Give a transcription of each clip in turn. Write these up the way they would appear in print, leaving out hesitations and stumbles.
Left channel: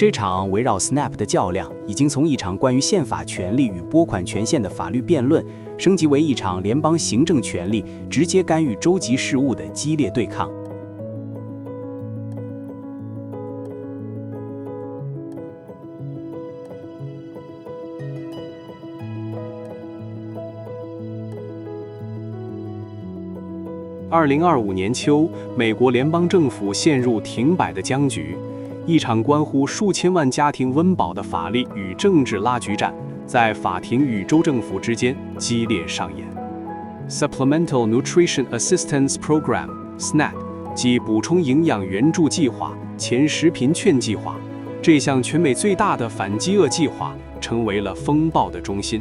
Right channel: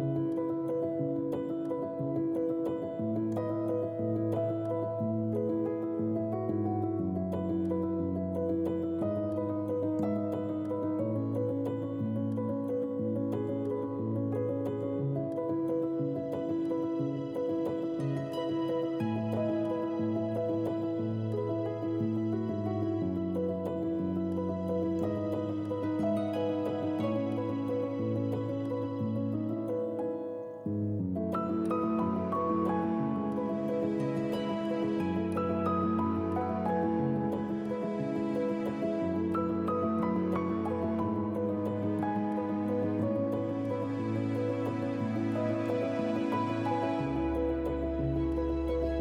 这场围绕 SNAP 的较量，已经从一场关于宪法权利与拨款权限的法律辩论，升级为一场联邦行政权力直接干预州级事务的激烈对抗。2025年秋，美国联邦政府陷入停摆的僵局，一场关乎数千万家庭温饱的法律与政治拉锯战，在法庭与州政府之间激烈上演。Supplemental Nutrition Assistance Program（SNAP） 即补充营养援助计划前食贫券计划，这项全美最大的反饥饿计划成为了风暴的中心。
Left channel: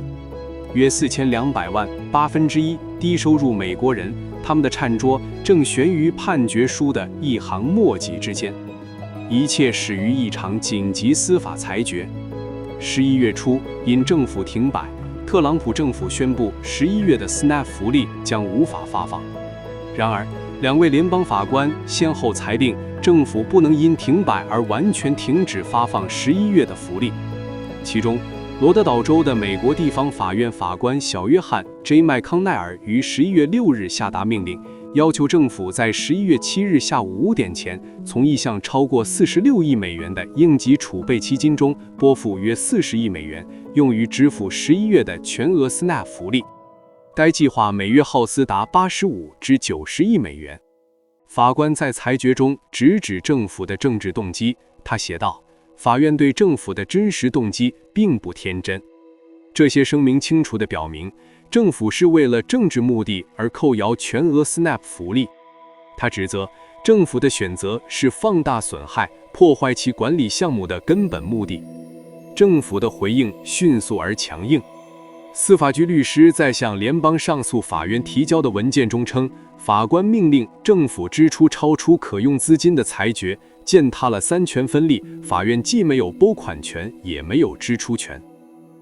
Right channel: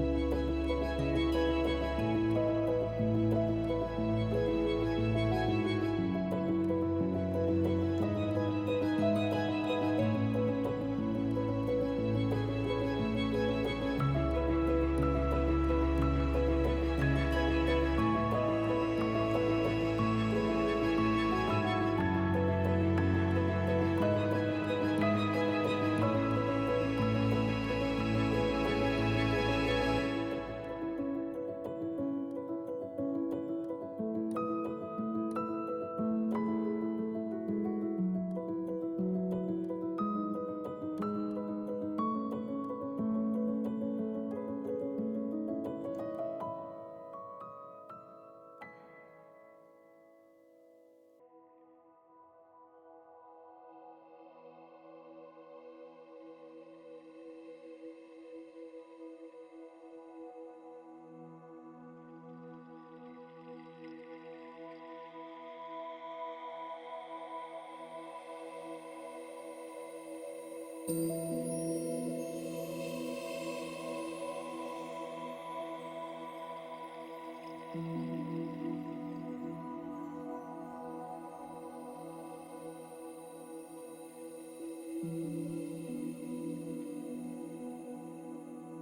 约4200万1/8低收入美国人，他们的餐桌正悬于判决书的一行墨迹之间。一切始于一场紧急司法裁决。11月初，因政府停摆，特朗普政府宣布11月的 SNAP 福利将无法发放。然而，2位联邦法官先后裁定，政府不能因停摆而完全停止发放11月的福利。其中，罗德岛州的美国地方法院法官小约翰 ·J· 麦康奈尔于11月6日下达命令，要求政府在11月7日下午5点前，从一项超过46亿美元的应急储备基金中拨付约40亿美元，用于支付11月的全额 SNAP 福利。该计划每月耗资达85至90亿美元。法官在裁决中直指政府的政治动机，他写道：法院对政府的真实动机并不天真。这些声明清楚地表明，政府是为了政治目的而扣摇全额 SNAP 福利。他指责政府的选择是放大损害，破坏其管理项目的根本目的。政府的回应迅速而强硬。司法局律师在向联邦上诉法院提交的文件中称，法官命令政府支出超出可用资金的裁决践踏了三权分立，法院既没有拨款权，也没有支出权。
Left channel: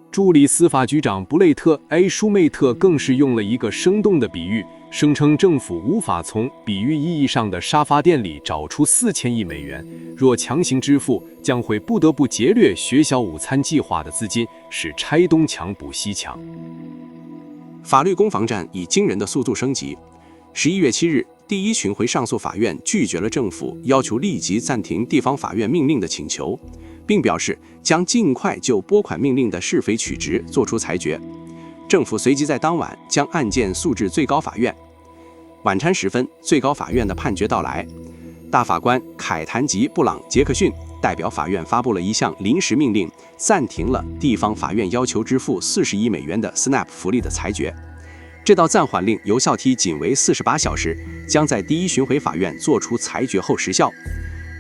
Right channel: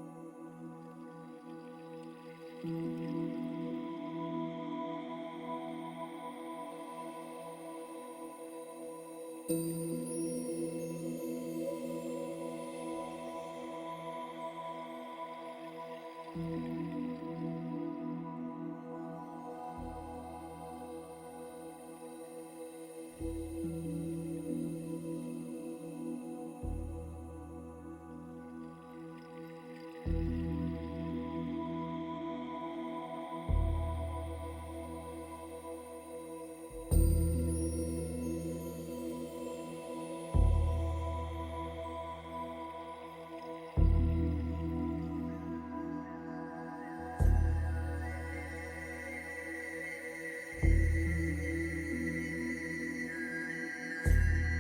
助理司法局长布雷特 ·A· 舒梅特更是用了一个生动的比喻，声称政府无法从比喻意义上的沙发店里找出4000亿美元，若强行支付，将会不得不劫掠学校午餐计划的资金，使拆东墙补西墙。法律攻防战以惊人的速度升级。11月7日，第一巡回上诉法院拒绝了政府要求立即暂停地方法院命令的请求，并表示将尽快就拨款命令的是非曲直作出裁决。政府随即在当晚将案件诉至最高法院。晚餐时分，最高法院的判决到来，大法官凯谭吉·布朗·杰克逊代表法院发布了一项临时命令，暂停了地方法院要求支付40亿美元的 SNAP 福利的裁决。这道暂缓令有效期仅为48小时，将在第一巡回法院作出裁决后失效。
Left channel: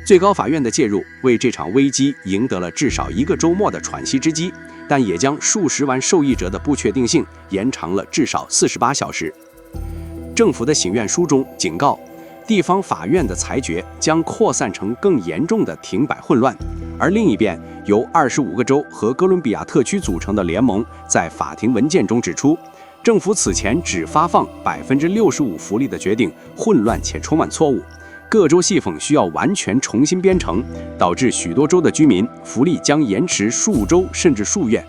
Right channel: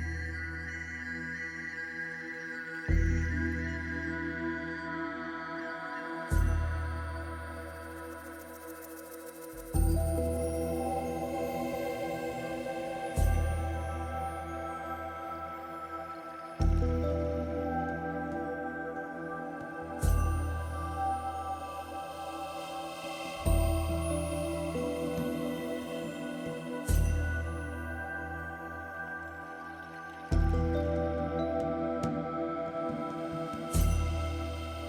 最高法院的介入为这场危机赢得了至少一个周末的喘息之机，但也将数十万受益者的不确定性延长了至少48小时。政府的请愿书中警告，地方法院的裁决将扩散成更严重的停摆混乱，而另一边，由25个州和哥伦比亚特区组成的联盟在法庭文件中指出，政府此前只发放65%福利的决定混乱且充满错误，各州系统需要完全重新编程，导致许多州的居民福利将延迟数周甚至数月。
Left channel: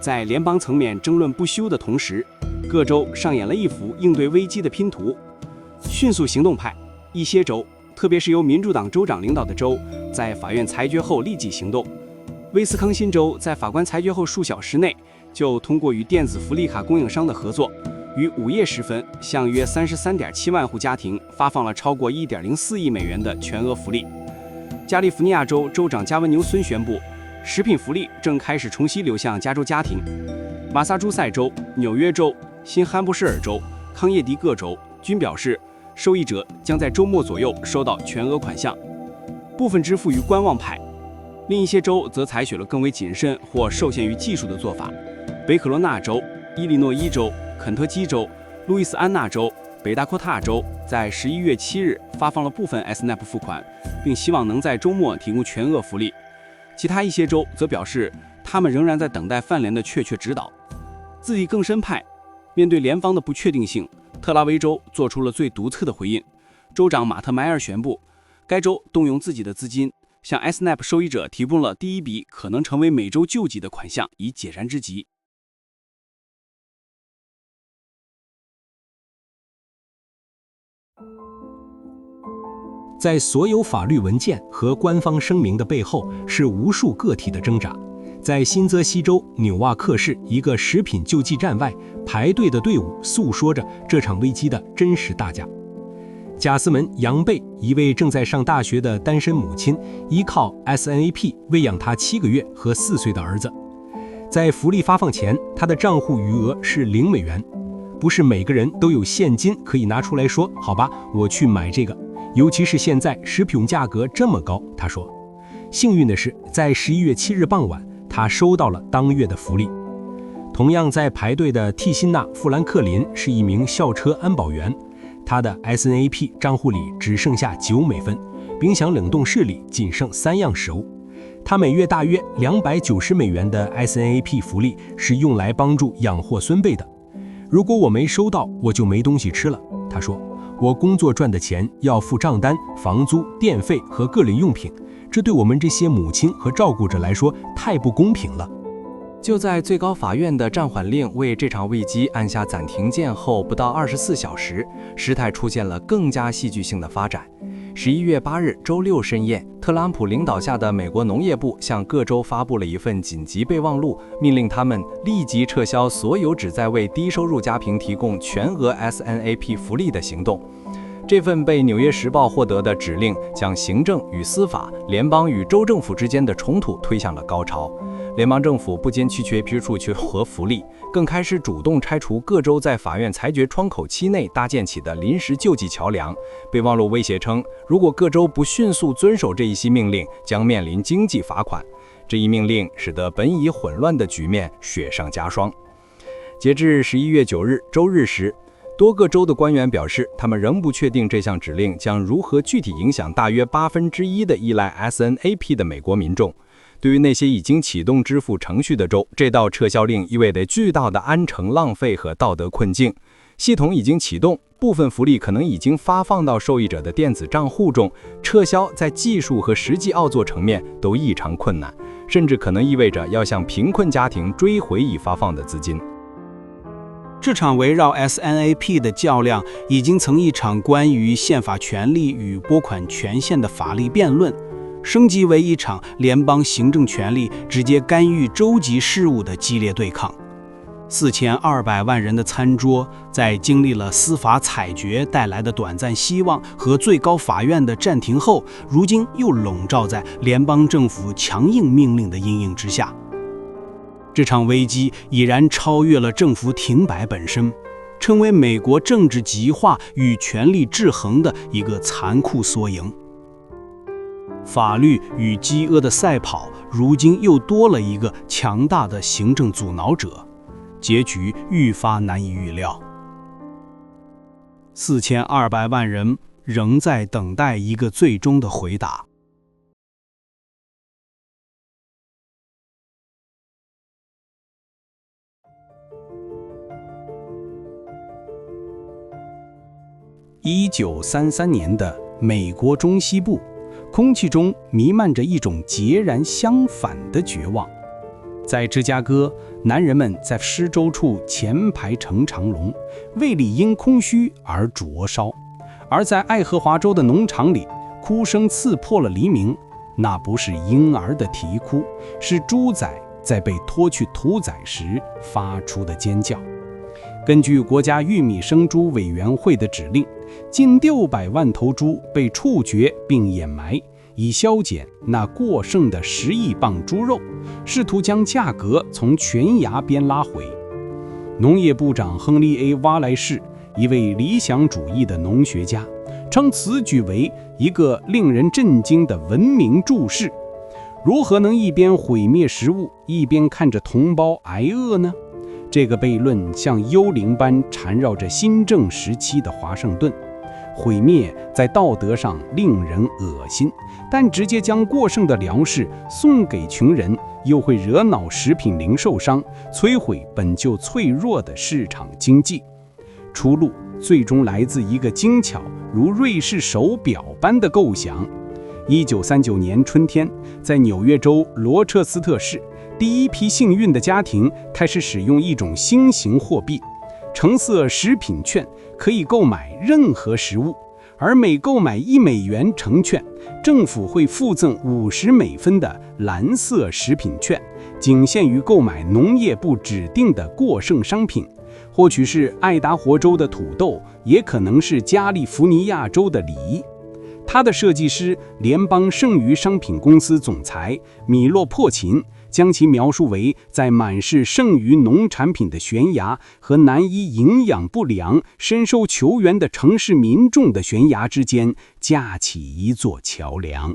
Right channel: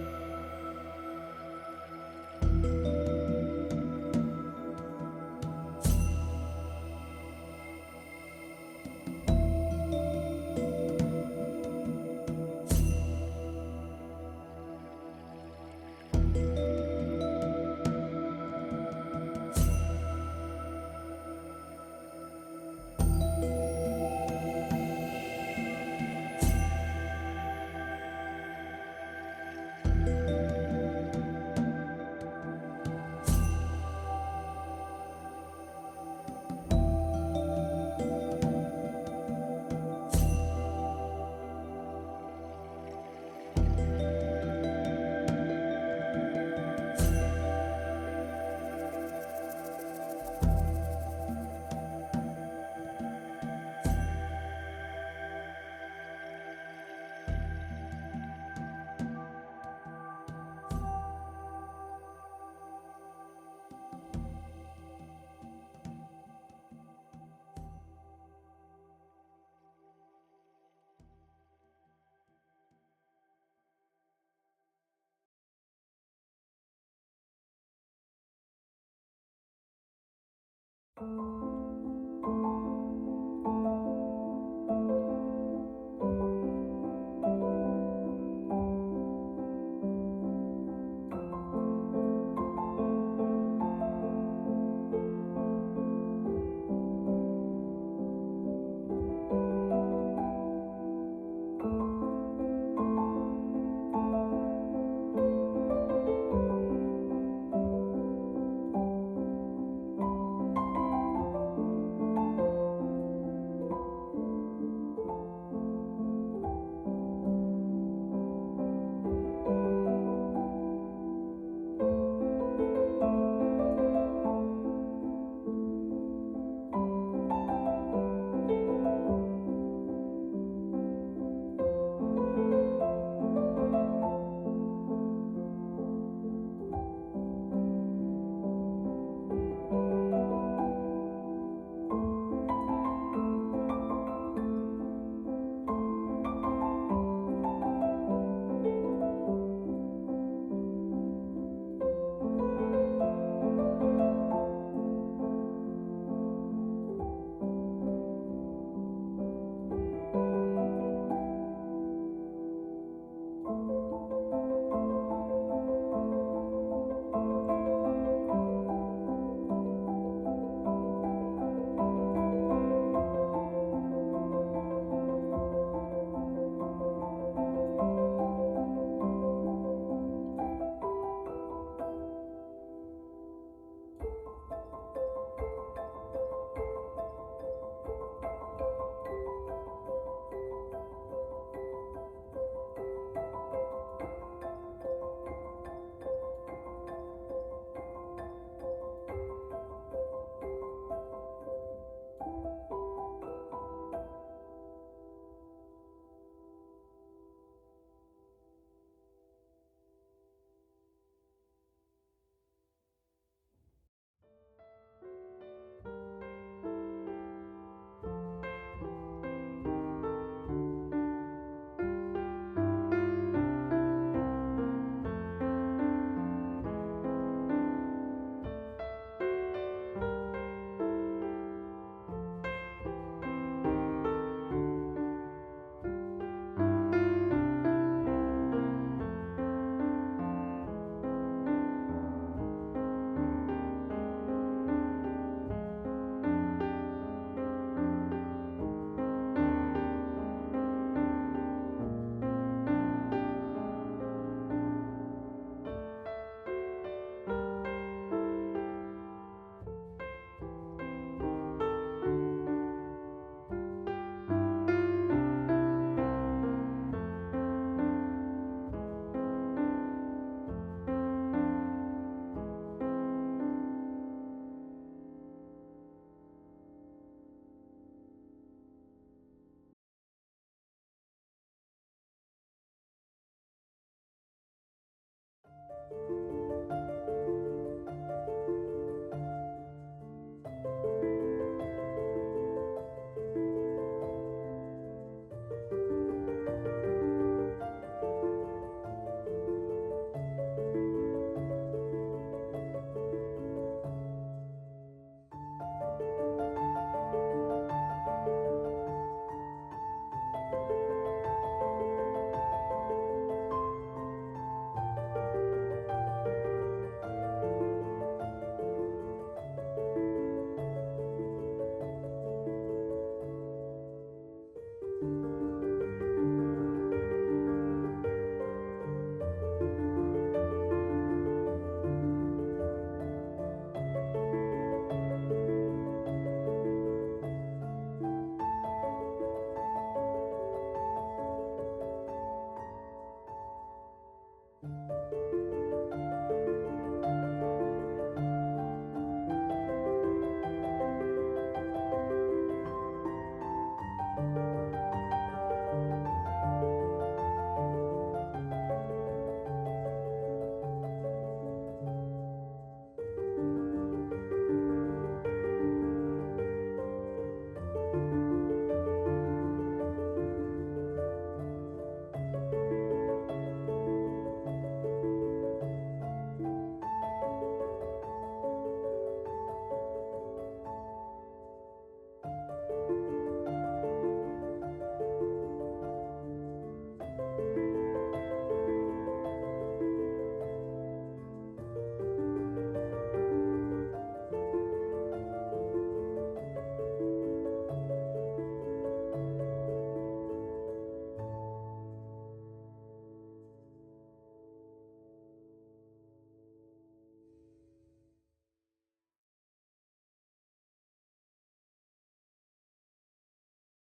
在联邦层面争论不休的同时，各州上演了一幅应对危机的拼图。迅速行动派，一些州，特别是由民主党州长领导的州，在法院裁决后立即行动。威斯康辛州在法官裁决后数小时内，就通过与电子福利卡供应商的合作，于午夜时分向约33.7万户家庭发放了超过1.04亿美元的全额福利。加利福尼亚州州长加文纽森宣布，食品福利正开始重新流向加州家庭。马萨诸塞州、纽约州、新罕布什尔州、康涅狄格州均表示，受益者将在周末左右收到全额款项，部分支付于观望派。另一些州则采取了更为谨慎或受限于技术的做法。北卡罗纳州、伊利诺伊州、肯特基州、路易斯安那州、北达科他州在11月7日发放了部分 SNAP 付款，并希望能在周末提供全额福利。其他一些州则表示，他们仍然在等待范联的确切指导。自力更生派面对联邦的不确定性，特拉维州做出了最独特的回应。州长马特迈尔宣布，该州动用自己的资金，向 SNAP 受益者提供了第一笔可能成为美洲救济的款项，以解燃之急。在所有法律文件和官方声明的背后，是无数个体的挣扎。在新泽西州纽瓦克市一个食品救济站外，排队的队伍诉说着这场危机的真实代价。贾斯门·杨贝，一位正在上大学的单身母亲，依靠 SNAP 喂养她7个月和4岁的儿子。在福利发放前，她的账户余额是0美元。不是每个人都有现金可以拿出来说，好吧，我去买这个。尤其是现在食品价格这么高，他说。幸运的是，在11月7日傍晚，他收到了当月的福利。同样在排队的蒂辛娜·富兰克林是一名校车安保员，他的 SNAP 账户里只剩下9美分，冰箱冷冻室里仅剩3样食物。他每月大约290美元的 SNAP 福利是用来帮助养活孙辈的。如果我没收到，我就没东西吃了，他说。我工作赚的钱要付账单、房租、电费和个人用品，这对我们这些母亲和照顾者来说太不公平了。就在最高法院的暂缓令为这场危机按下暂停键后不到24小时，事态出现了更加戏剧性的发展。11月8日周六深夜，特朗普领导下的美国农业部向各州发布了一份紧急备忘录，命令他们立即撤销所有旨在为低收入家庭提供全额 SNAP 福利的行动。这份被《纽约时报》获得的指令，将行政与司法、联邦与州政府之间的冲突推向了高潮。联邦政府不仅拒绝批出和福利，更开始主动拆除各州在法院裁决窗口期内搭建起的临时救济桥梁。备忘录威胁称，如果各州不迅速遵守这一系命令，将面临经济罚款。这一命令使得本已混乱的局面雪上加霜。截至11月9日周日时，多个州的官员表示，他们仍不确定这项指令将如何具体影响大约1/8的依赖 SNAP 的美国民众。对于那些已经启动支付程序的州，这道撤销令意味着巨大的安成浪费和道德困境。系统已经启动，部分福利可能已经发放到受益者的电子账户中，撤销在技术和实际操作层面都异常困难，甚至可能意味着要向贫困家庭追回已发放的资金。这场围绕 SNAP 的较量已经从一场关于宪法权利与拨款权限的法律辩论，升级为一场联邦行政权力直接干预州级事务的激烈对抗。4200万人的餐桌，在经历了司法裁决带来的短暂希望和最高法院的暂停后，如今又笼罩在联邦政府强硬命令的阴影之下。这场危机已然超越了政府停摆本身，成为美国政治极化与权力制衡的一个残酷缩影。法律与饥饿的赛跑，如今又多了一个强大的行政阻挠者，结局愈发难以预料。4200万人仍在等待一个最终的回答。1933年的美国中西部，空气中弥漫着一种截然相反的绝望。在芝加哥，男人们在施粥处前排成长龙，胃里因空虚而灼烧；而在爱荷华州的农场里，哭声刺破了黎明。那不是婴儿的啼哭，是猪仔在被拖去屠宰时发出的尖叫。根据国家玉米生猪委员会的指令，近600万头猪被处决并掩埋，以削减那过剩的10亿磅猪肉，试图将价格从悬崖边拉回。农业部长亨利 ·A· 挖莱士，一位理想主义的农学家，称此举为一个令人震惊的文明注释。如何能一边毁灭食物，一边看着同胞挨饿呢？这个悖论像幽灵般缠绕着新政时期的华盛顿。毁灭在道德上令人恶心，但直接将过剩的粮食送给穷人，又会惹恼食品零售商，摧毁本就脆弱的市场经济。出路最终来自一个精巧如瑞士手表般的构想。1939年春天，在纽约州罗彻斯特市，第一批幸运的家庭开始使用一种新型货币——橙色食品券，可以购买任何食物，而每购买1美元橙券，政府会附赠50美分的蓝色食品券，仅限于购买农业部指定的过剩商品，或许是爱达荷州的土豆，也可能是加利福尼亚州的梨。他的设计师、联邦剩余商品公司总裁米洛珀琴将其描述为在满是剩余农产品的悬崖和难以营养不良、深受求援的城市民众的悬崖之间架起一座桥梁。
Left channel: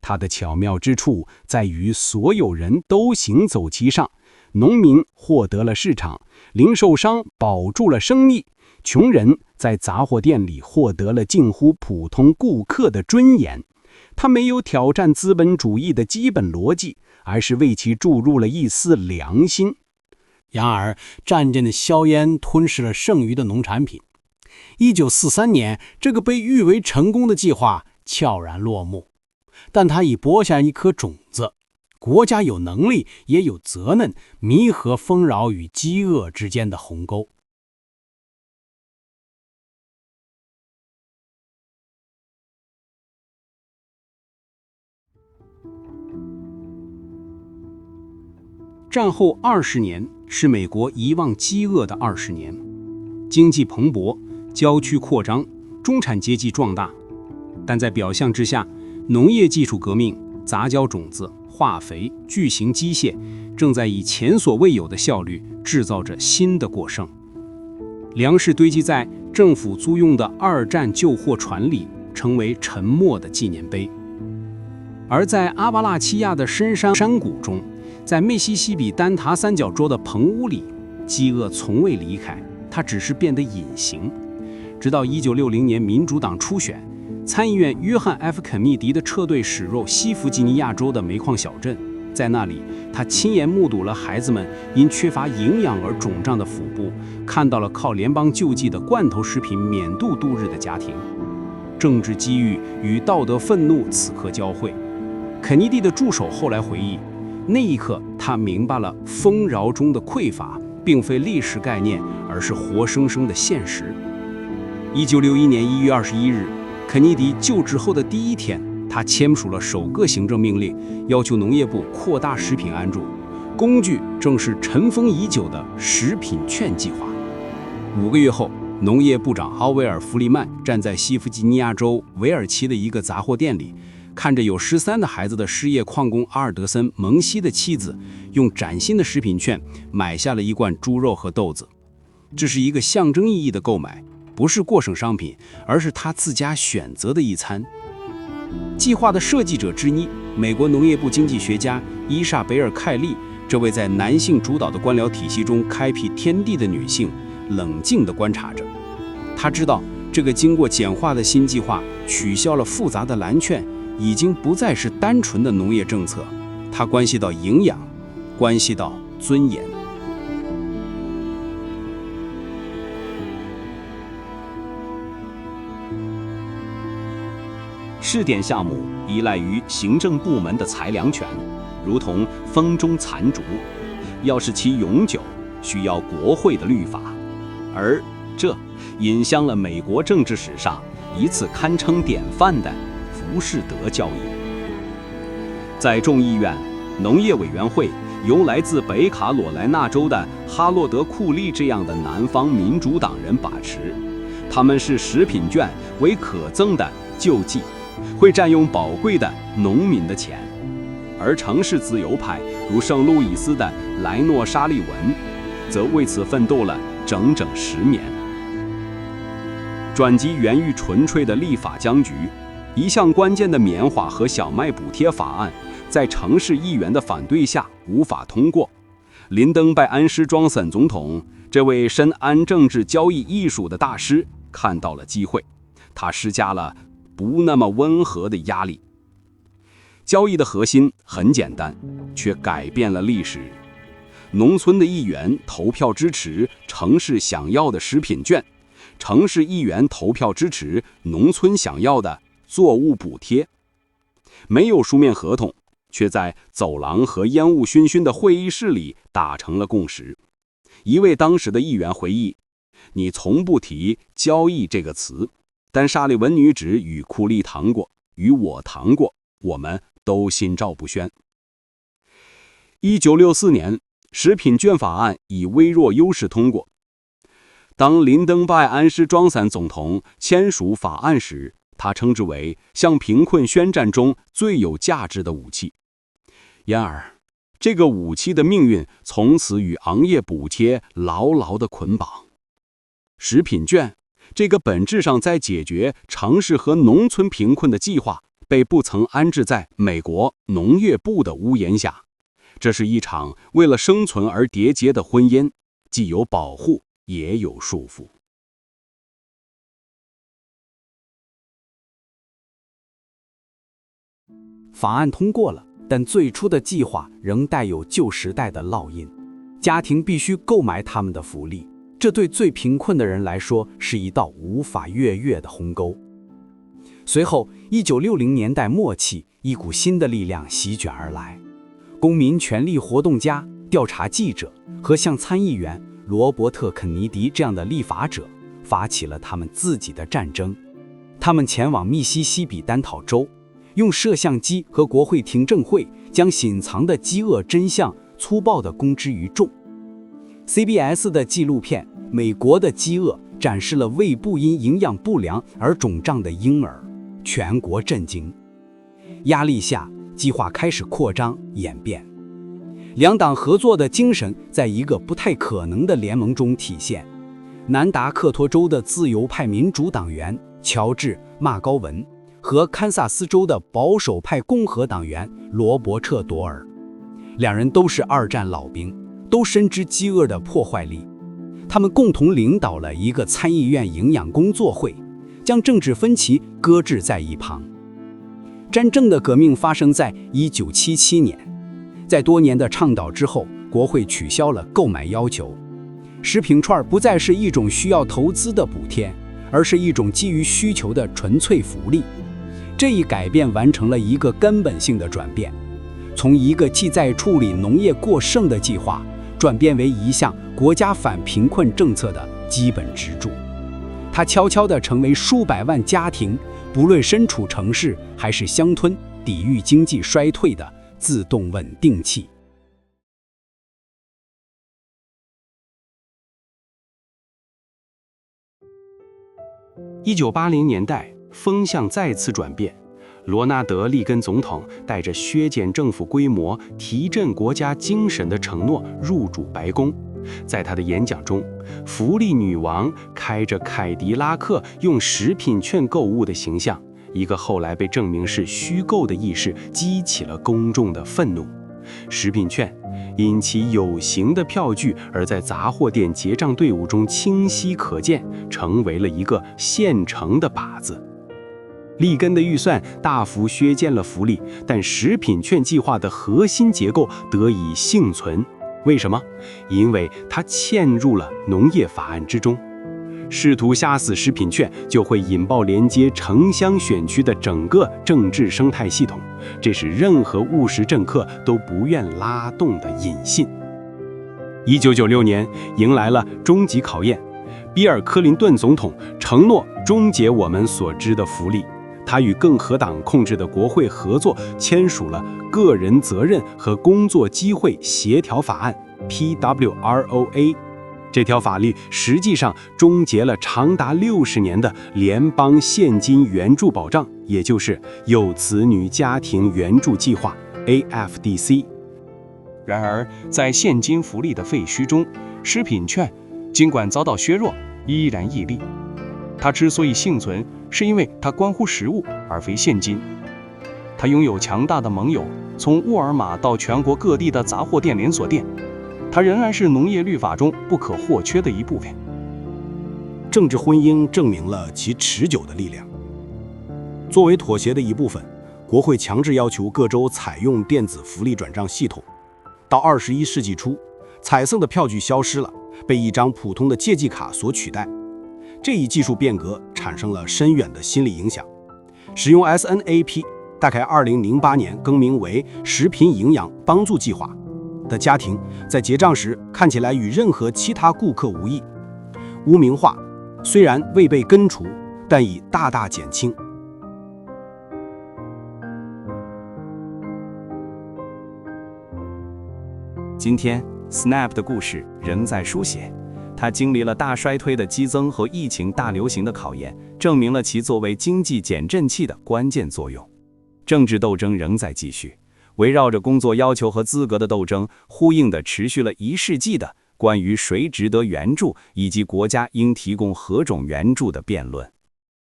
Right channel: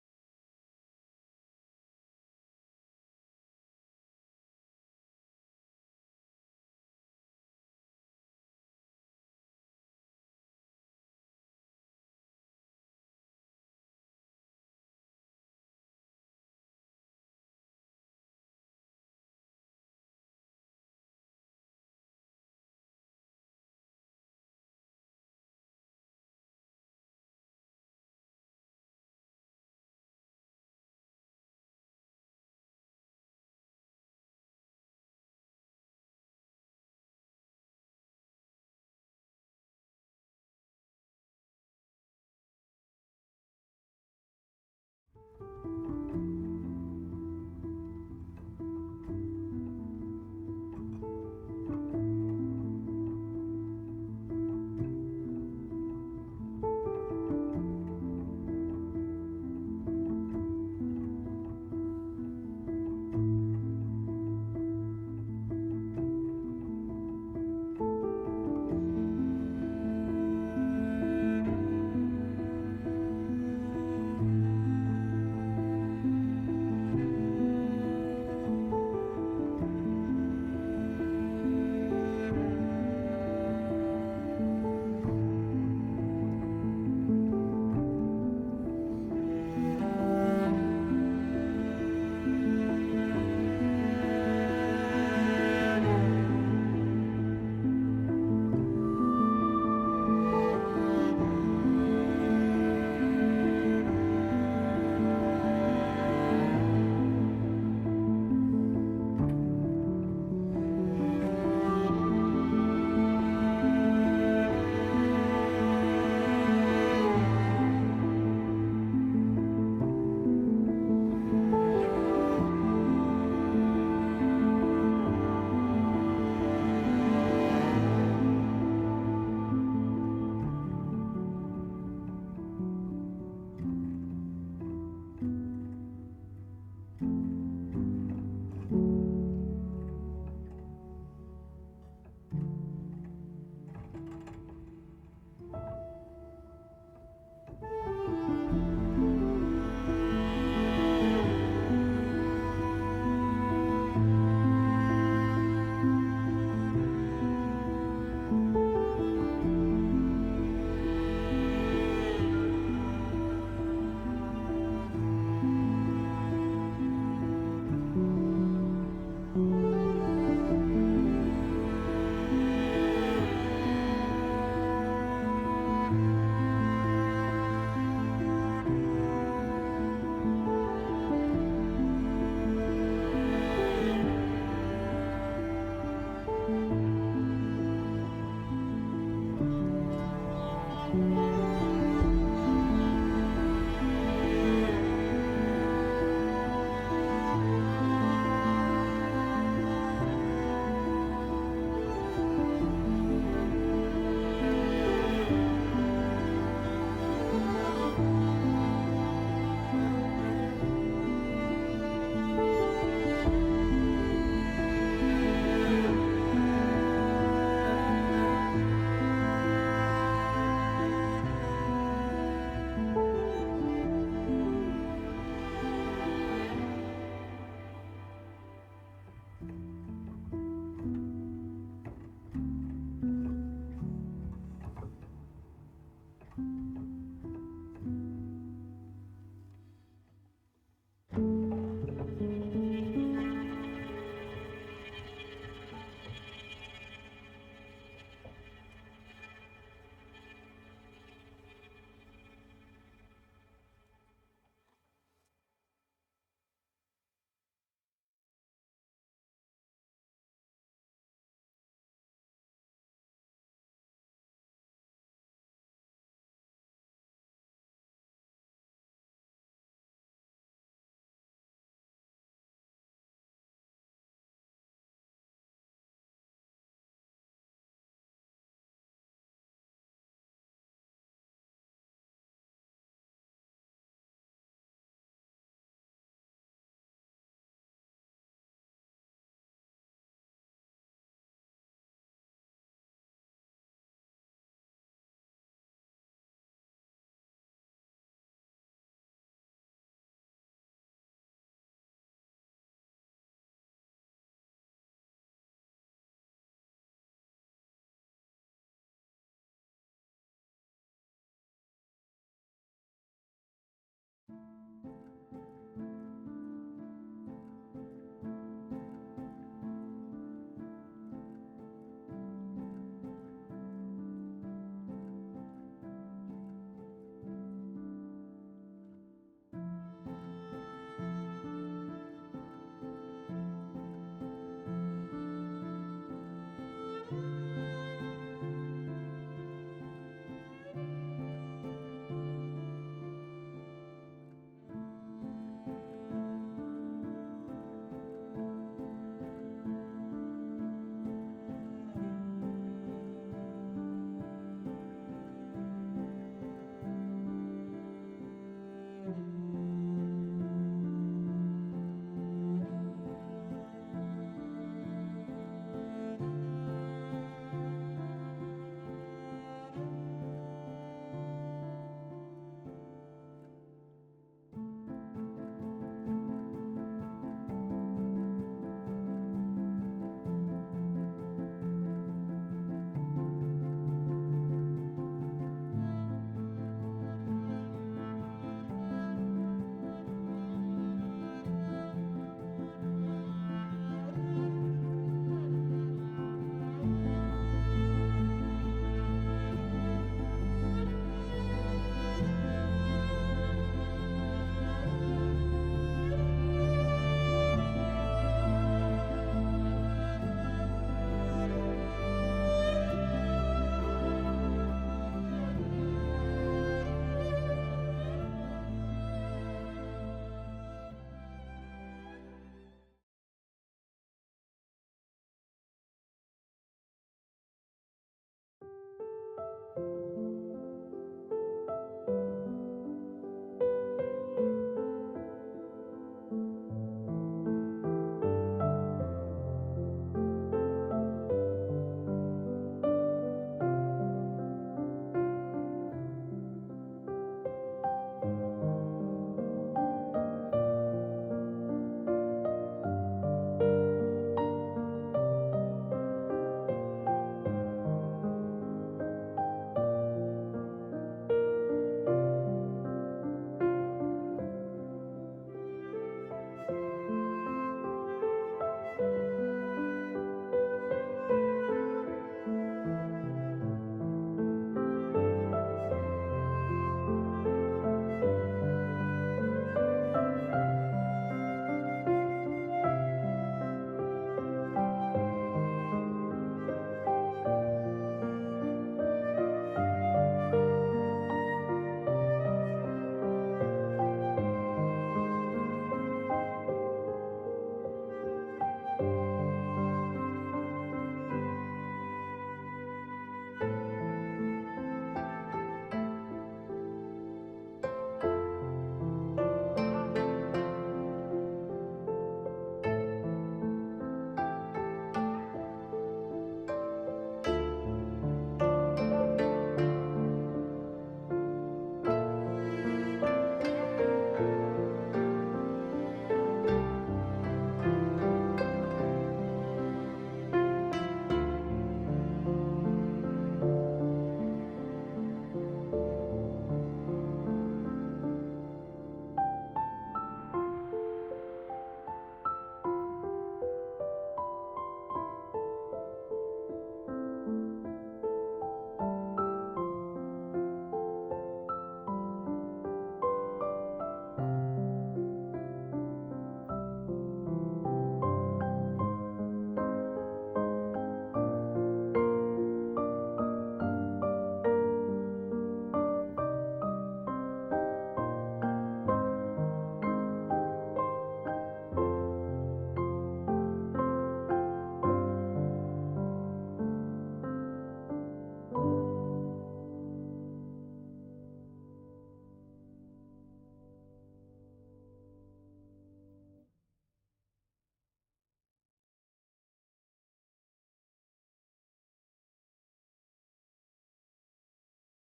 它的巧妙之处在于所有人都行走其上，农民获得了市场，零售商保住了生意，穷人在杂货店里获得了近乎普通顾客的尊严。他没有挑战资本主义的基本逻辑，而是为其注入了一丝良心。然而，战阵的硝烟吞噬了剩余的农产品。1943年，这个被誉为成功的计划悄然落幕，但它已播下一颗种子。国家有能力，也有责任弥合丰饶与饥饿之间的鸿沟。战后20年是美国遗忘饥饿的20年，经济蓬勃，郊区扩张，中产阶级壮大，但在表象之下，农业技术革命、杂交种子、化肥、巨型机械正在以前所未有的效率制造着新的过剩。粮食堆积在政府租用的2战救货船里，成为沉默的纪念碑。而在阿巴拉契亚的深山山谷中，在密西西比丹塔三角洲的棚屋里，饥饿从未离开，它只是变得隐形。直到1960年民主党初选，参议院约翰 ·F· 肯尼迪的撤队驶入西弗吉尼亚州的煤矿小镇，在那里，他亲眼目睹了孩子们因缺乏营养而肿胀的腹部，看到了靠联邦救济的罐头食品免度度日的家庭。政治机遇与道德愤怒此刻交汇。肯尼迪的助手后来回忆，那一刻他明白了丰饶中的匮乏并非历史概念，而是活生生的现实。1961年1月21日，肯尼迪就职后的第一天，他签署了首个行政命令，要求农业部扩大食品援助，工具正是尘封已久的食品券计划。5个月后，农业部长奥威尔·弗利曼站在西弗吉尼亚州韦尔奇的一个杂货店里，看着有13的孩子的失业矿工阿尔德森·蒙西的妻子用崭新的食品券买下了一罐猪肉和豆子。这是一个象征意义的购买，不是过剩商品，而是他自家选择的一餐。计划的设计者之一，美国农业部经济学家伊莎贝尔·凯利，这位在男性主导的官僚体系中开辟天地的女性，冷静地观察着。她知道，这个经过简化的新计划取消了复杂的蓝券，已经不再是单纯的农业政策，它关系到营养，关系到尊严。试点项目依赖于行政部门的裁量权，如同风中残烛，要使其永久，需要国会的律法，而这引向了美国政治史上一次堪称典范的浮士德教育。在众议院农业委员会，由来自北卡罗来纳州的哈洛德·库利这样的南方民主党人把持，他们视食品券为可憎的救济，会占用宝贵的农民的钱。而城市自由派如圣路易斯的莱诺·沙利文，则为此奋斗了整整10年。转机源于纯粹的立法僵局，一项关键的棉花和小麦补贴法案，在城市议员的反对下无法通过。林登·拜安施庄森总统，这位深谙政治交易艺术的大师，看到了机会，他施加了不那么温和的压力。交易的核心很简单，却改变了历史。农村的议员投票支持城市想要的食品券，城市议员投票支持农村想要的作物补贴。没有书面合同，却在走廊和烟雾熏熏的会议室里达成了共识。一位当时的议员回忆：“你从不提交易这个词，但沙利文女子与库利谈过，与我谈过，我们都心照不宣。”1964年，食品券法案以微弱优势通过。当林登拜安施庄散总统签署法案时，他称之为向贫困宣战中最有价值的武器。然而，这个武器的命运从此与行业补贴牢牢地捆绑。食品券这个本质上在解决城市和农村贫困的计划，被不曾安置在美国农业部的屋檐下。这是一场为了生存而缔结的婚姻，既有保护，也有束缚。法案通过了，但最初的计划仍带有旧时代的烙印。家庭必须购买他们的福利，这对最贫困的人来说是一道无法越越的鸿沟。随后，1960年代末期，一股新的力量席卷而来。公民权利活动家、调查记者和像参议员罗伯特·肯尼迪这样的立法者发起了他们自己的战争。他们前往密西西比丹讨州，用摄像机和国会听证会将隐藏的饥饿真相粗暴地公之于众。CBS 的纪录片《美国的饥饿》展示了胃部因营养不良而肿胀的婴儿，全国震惊。压力下，计划开始扩张演变。两党合作的精神在一个不太可能的联盟中体现。南达科托州的自由派民主党员乔治·麦高文和堪萨斯州的保守派共和党员罗伯特·多尔，两人都是二战老兵，都深知饥饿的破坏力。他们共同领导了一个参议院营养工作会，将政治分歧搁置在一旁。真正的革命发生在1977年，在多年的倡导之后，国会取消了购买要求。食品券不再是一种需要投资的补贴，而是一种基于需求的纯粹福利。这一改变完成了一个根本性的转变，从一个既在处理农业过剩的计划，转变为一项国家反贫困政策的基本支柱。它悄悄地成为数百万家庭，不论身处城市还是乡村，抵御经济衰退的自动稳定器。1980年代，风向再次转变。罗纳德·利根总统带着削减政府规模、提振国家精神的承诺入主白宫。在他的演讲中，福利女王开着凯迪拉克用食品券购物的形象，一个后来被证明是虚构的意识，激起了公众的愤怒。食品券因其有形的票据而在杂货店结账队伍中清晰可见，成为了一个现成的靶子。利根的预算大幅削减了福利，但食品券计划的核心结构得以幸存。为什么？因为它嵌入了农业法案之中。试图杀死食品券，就会引爆连接城乡选区的整个政治生态系统，这是任何务实政客都不愿拉动的引信。1996年迎来了终极考验，比尔·克林顿总统承诺终结我们所知的福利。他与共和党控制的国会合作，签署了个人责任和工作机会协调法案 （PWROA）。这条法律实际上终结了长达60年的联邦现金援助保障，也就是有子女家庭援助计划 （AFDC）。然而，在现金福利的废墟中，食品券尽管遭到削弱，依然屹立。它之所以幸存，是因为它关乎食物而非现金。它拥有强大的盟友，从沃尔玛到全国各地的杂货店连锁店。它仍然是农业律法中不可或缺的一部分。政治婚姻证明了其持久的力量。作为妥协的一部分，国会强制要求各州采用电子福利转账系统。到21世纪初，彩色的票据消失了，被一张普通的借记卡所取代。这一技术变革产生了深远的心理影响。使用 SNAP， 大概2008年更名为食品营养帮助计划的家庭，在结账时看起来与任何其他顾客无异。污名化虽然未被根除，但已大大减轻。今天 Snap 的故事仍在书写，它经历了大衰退的激增和疫情大流行的考验，证明了其作为经济减震器的关键作用。政治斗争仍在继续，围绕着工作要求和资格的斗争，呼应地持续了1世纪的关于谁值得援助以及国家应提供何种援助的辩论。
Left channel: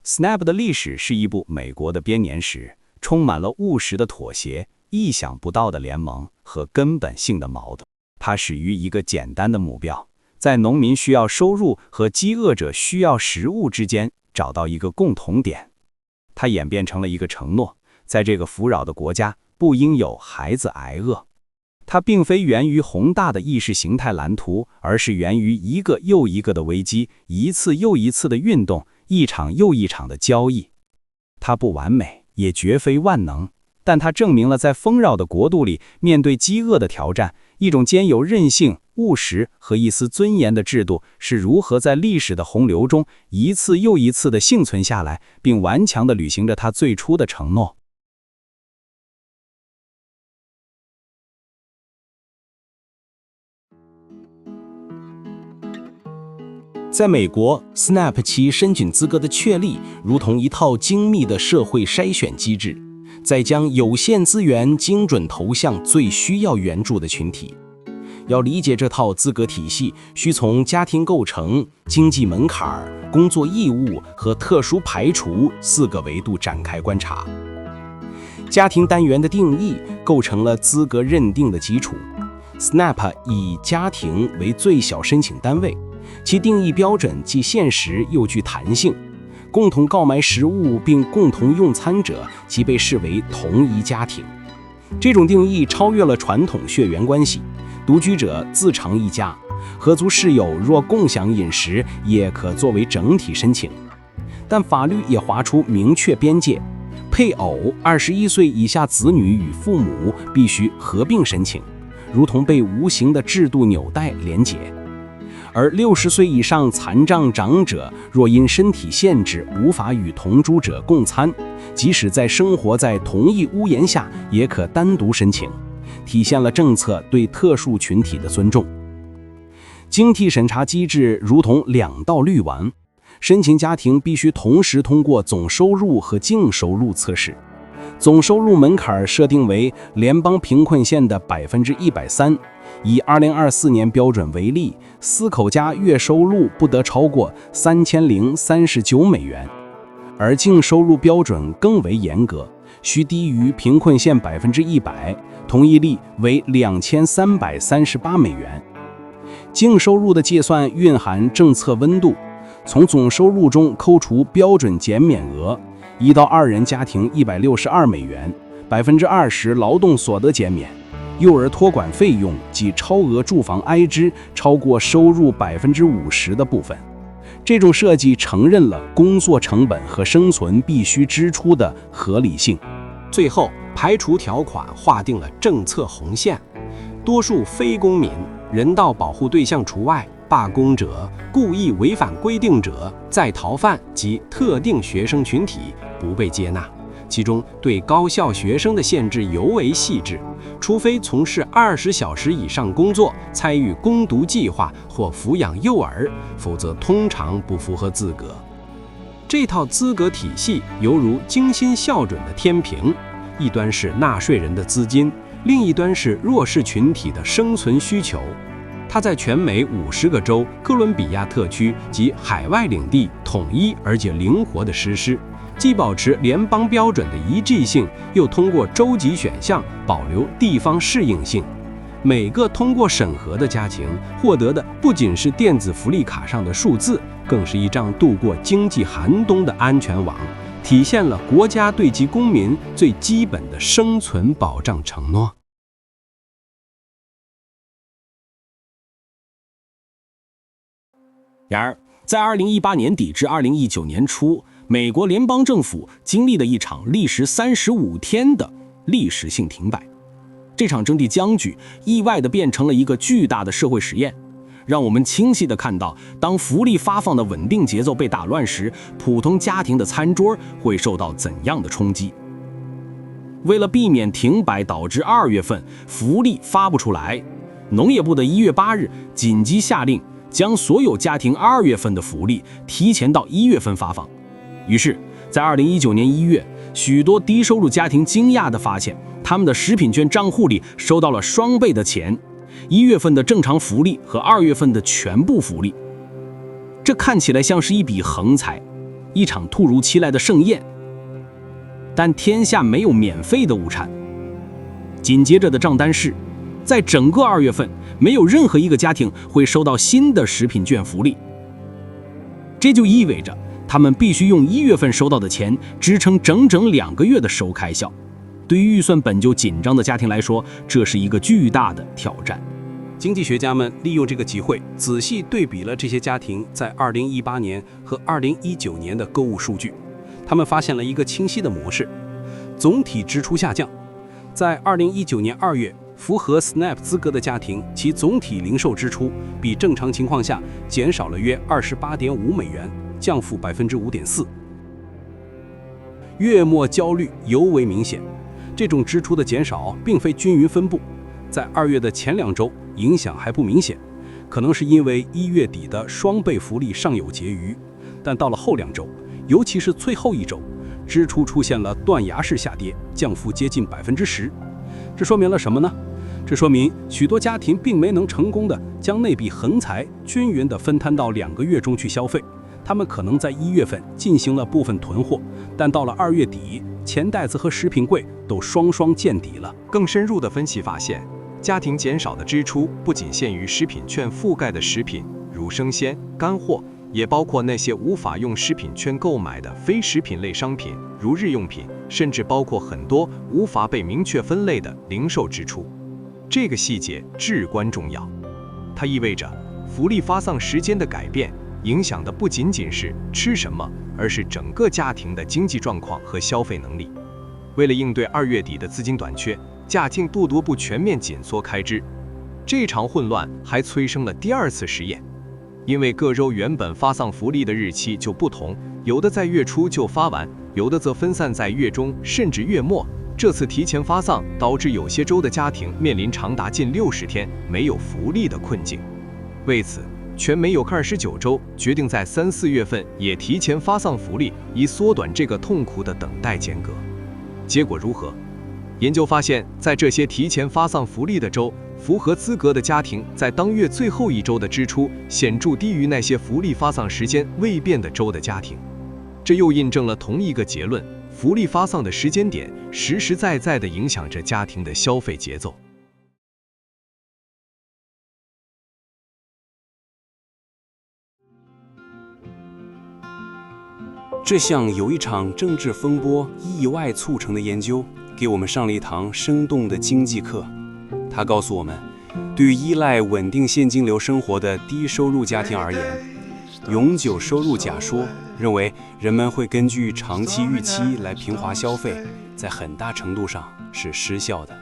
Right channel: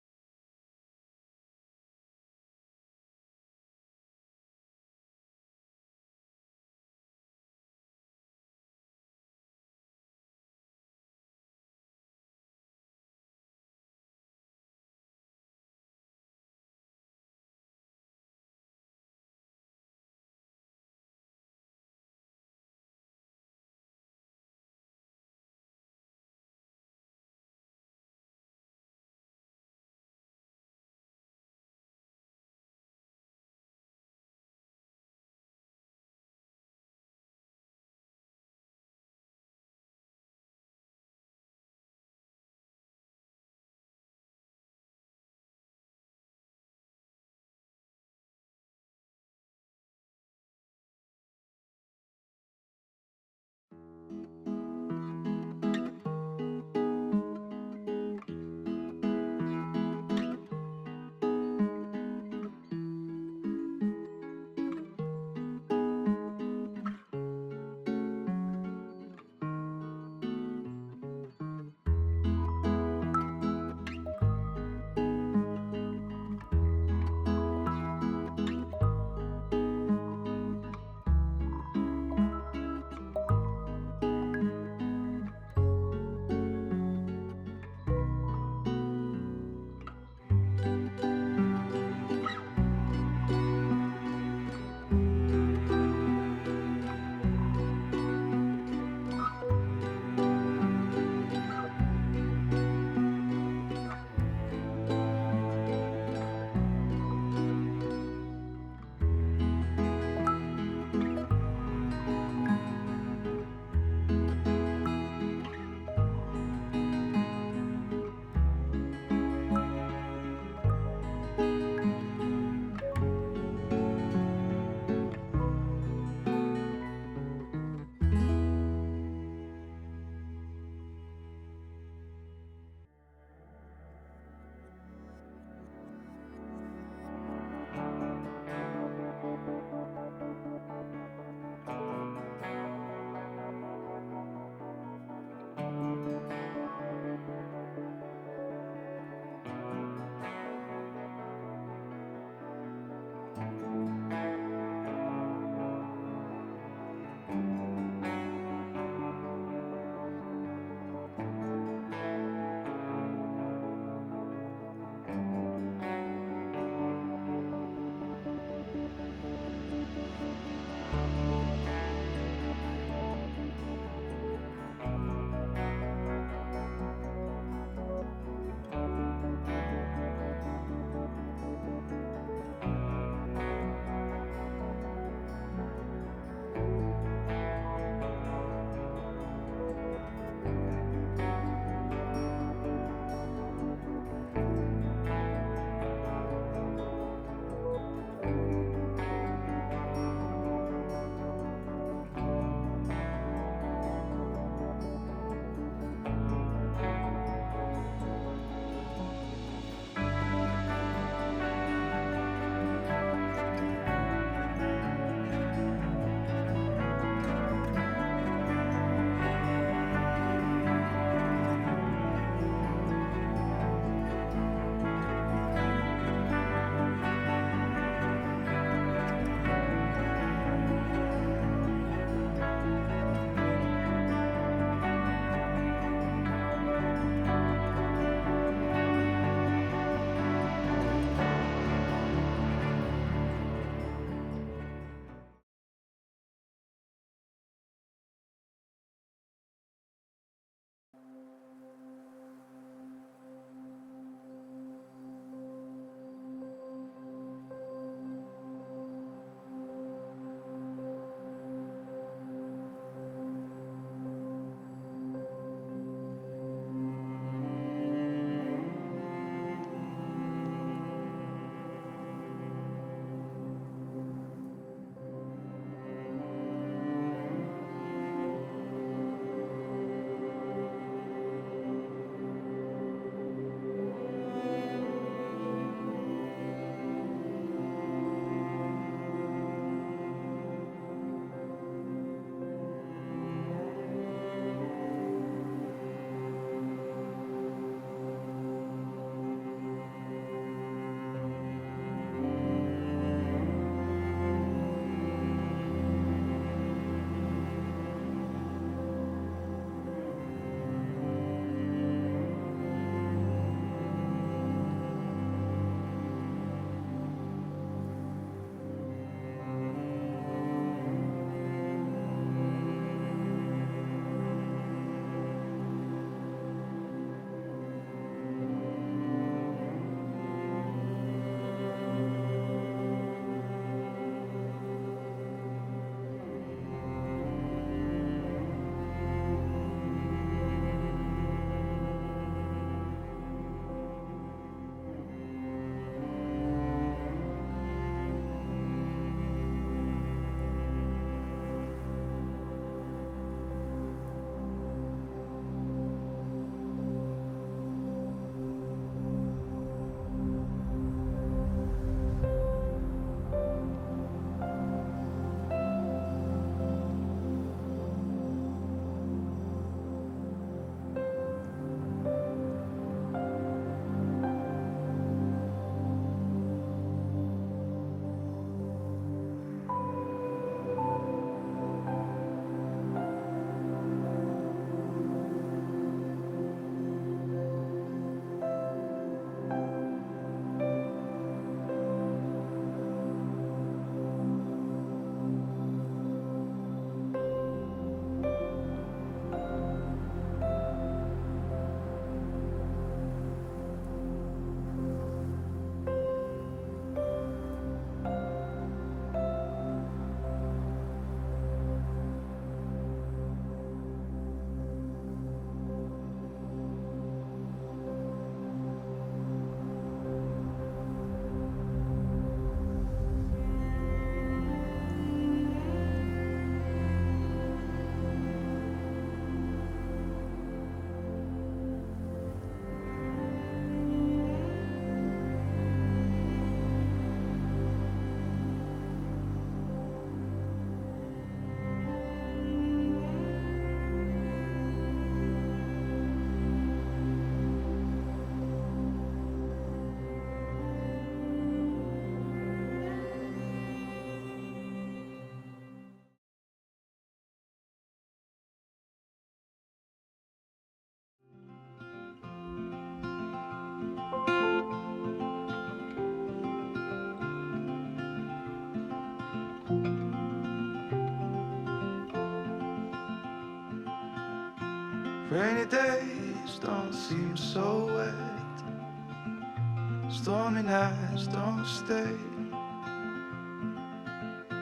Snap 的历史是一部美国的编年史，充满了务实的妥协、意想不到的联盟和根本性的矛盾。它始于一个简单的目标，在农民需要收入和饥饿者需要食物之间找到一个共同点。它演变成了一个承诺，在这个富饶的国家不应有孩子挨饿。它并非源于宏大的意识形态蓝图，而是源于一个又一个的危机，一次又一次的运动，一场又一场的交易。它不完美，也绝非万能，但它证明了在丰饶的国度里，面对饥饿的挑战，一种兼有韧性、务实和一丝尊严的制度是如何在历史的洪流中一次又一次地幸存下来，并顽强地履行着它最初的承诺。在美国 ，SNAP 其申请资格的确立如同一套精密的社会筛选机制，在将有限资源精准投向最需要援助的群体。要理解这套资格体系，需从家庭构成、经济门槛、工作义务和特殊排除4个维度展开观察。家庭单元的定义构成了资格认定的基础。SNAP 以家庭为最小申请单位，其定义标准既现实又具弹性。共同购买食物并共同用餐者即被视为同一家庭。这种定义超越了传统血缘关系，独居者自成一家，合租室友若共享饮食也可作为整体申请。但法律也划出明确边界，配偶21岁以下子女与父母必须合并申请，如同被无形的制度纽带连结。而60岁以上残障长者若因身体限制无法与同住者共餐，即使在生活在同一屋檐下也可单独申请，体现了政策对特殊群体的尊重。经替审查机制如同2道滤网，申请家庭必须同时通过总收入和净收入测试。总收入门槛设定为联邦贫困线的130%，以2024年标准为例，4口家月收入不得超过3039美元，而净收入标准更为严格，需低于贫困线100%，同一例为2338美元。净收入的计算蕴含政策温度，从总收入中扣除标准减免额，1到2人家庭162美元，20%劳动所得减免。幼儿托管费用及超额住房开支超过收入50%的部分。这种设计承认了工作成本和生存必须支出的合理性。最后，排除条款划定了政策红线，多数非公民、人道保护对象除外，罢工者、故意违反规定者、在逃犯及特定学生群体不被接纳。其中对高校学生的限制尤为细致，除非从事20小时以上工作、参与攻读计划或抚养幼儿，否则通常不符合资格。这套资格体系犹如精心校准的天平，一端是纳税人的资金，另一端是弱势群体的生存需求。它在全美50个州、哥伦比亚特区及海外领地统一而且灵活地实施，既保持联邦标准的一致性，又通过州级选项保留地方适应性。每个通过审核的家庭获得的不仅是电子福利卡上的数字，更是一张度过经济寒冬的安全网，体现了国家对其公民最基本的生存保障承诺。然而，在2018年底至2019年初，美国联邦政府经历了一场历时35天的历史性停摆。这场政治僵局意外地变成了一个巨大的社会实验，让我们清晰地看到，当福利发放的稳定节奏被打乱时，普通家庭的餐桌会受到怎样的冲击。为了避免停摆导致2月份福利发不出来，农业部的1月8日紧急下令，将所有家庭2月份的福利提前到1月份发放。于是，在2019年1月，许多低收入家庭惊讶地发现，他们的食品券账户里收到了双倍的钱，1月份的正常福利和2月份的全部福利。这看起来像是一笔横财，一场突如其来的盛宴。但天下没有免费的午餐。紧接着的账单是，在整个2月份，没有任何一个家庭会收到新的食品券福利。这就意味着他们必须用1月份收到的钱支撑整整2个月的收开销。对于预算本就紧张的家庭来说，这是一个巨大的挑战。经济学家们利用这个机会，仔细对比了这些家庭在2018年和2019年的购物数据。他们发现了一个清晰的模式：总体支出下降。在2019年2月，符合 SNAP 资格的家庭，其总体零售支出比正常情况下减少了约28.5美元，降幅5.4%。月末焦虑尤为明显。这种支出的减少并非均匀分布，在2月的前2周影响还不明显，可能是因为1月底的双倍福利尚有结余，但到了后2周，尤其是最后1周，支出出现了断崖式下跌，降幅接近10%。这说明了什么呢？这说明许多家庭并没能成功的将那笔横财均匀地分摊到2个月中去消费，他们可能在1月份进行了部分囤货，但到了2月底，钱袋子和食品柜都双双见底了。更深入的分析发现，家庭减少的支出不仅限于食品券覆盖的食品，如生鲜、干货，也包括那些无法用食品券购买的非食品类商品，如日用品，甚至包括很多无法被明确分类的零售支出。这个细节至关重要，它意味着福利发放时间的改变，影响的不仅仅是吃什么，而是整个家庭的经济状况和消费能力。为了应对2月底的资金短缺，家庭不得不全面紧缩开支。这场混乱还催生了第2次实验，因为各州原本发放福利的日期就不同，有的在月初就发完，有的则分散在月中甚至月末。这次提前发放导致有些州的家庭面临长达近60天没有福利的困境。为此，全美有29州决定在3、4月份也提前发放福利，以缩短这个痛苦的等待间隔。结果如何？研究发现，在这些提前发放福利的州，符合资格的家庭在当月最后1周的支出显著低于那些福利发放时间未变的州的家庭。这又印证了同一个结论：福利发放的时间点实实在在地影响着家庭的消费节奏。这项由一场政治风波意外促成的研究，给我们上了一堂生动的经济课。它告诉我们，对于依赖稳定现金流生活的低收入家庭而言，永久收入假说认为人们会根据长期预期来平滑消费，在很大程度上是失效的。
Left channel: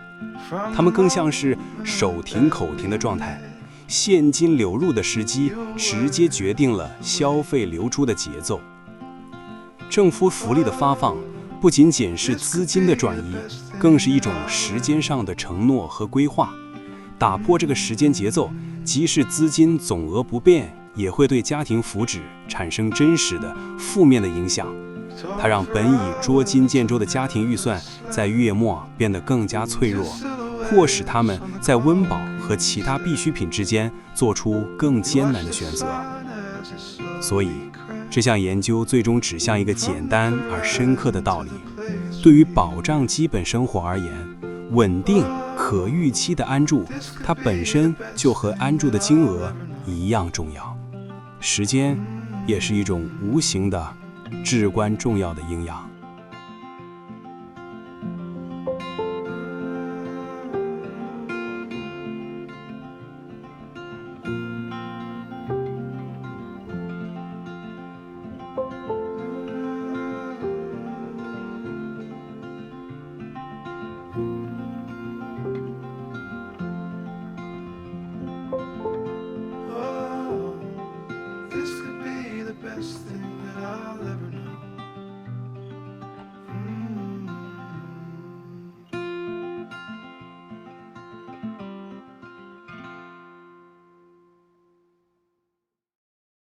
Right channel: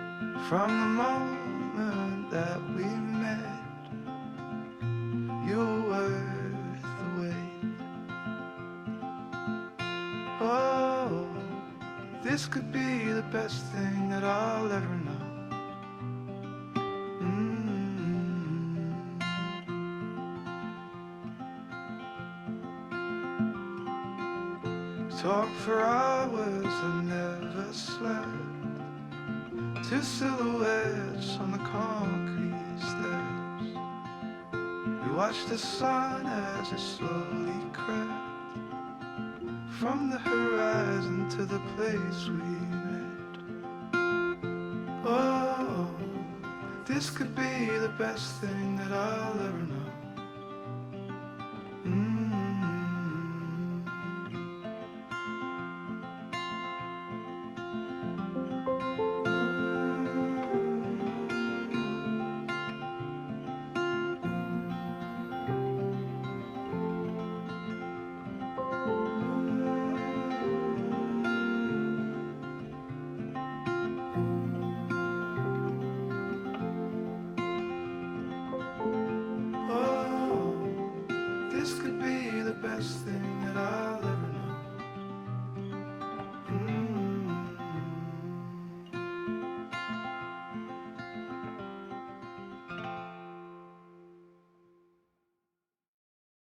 他们更像是手停口停的状态，现金流入的时机直接决定了消费流出的节奏。政府福利的发放不仅仅是资金的转移，更是一种时间上的承诺和规划。打破这个时间节奏，即使资金总额不变，也会对家庭福祉产生真实的负面的影响。它让本已捉襟见肘的家庭预算在月末变得更加脆弱，迫使他们在温饱和其他必需品之间做出更艰难的选择。所以，这项研究最终指向一个简单而深刻的道理：对于保障基本生活而言，稳定可预期的安住，它本身就和安住的金额一样重要。时间也是一种无形的、至关重要的营养。last thing that I'll ever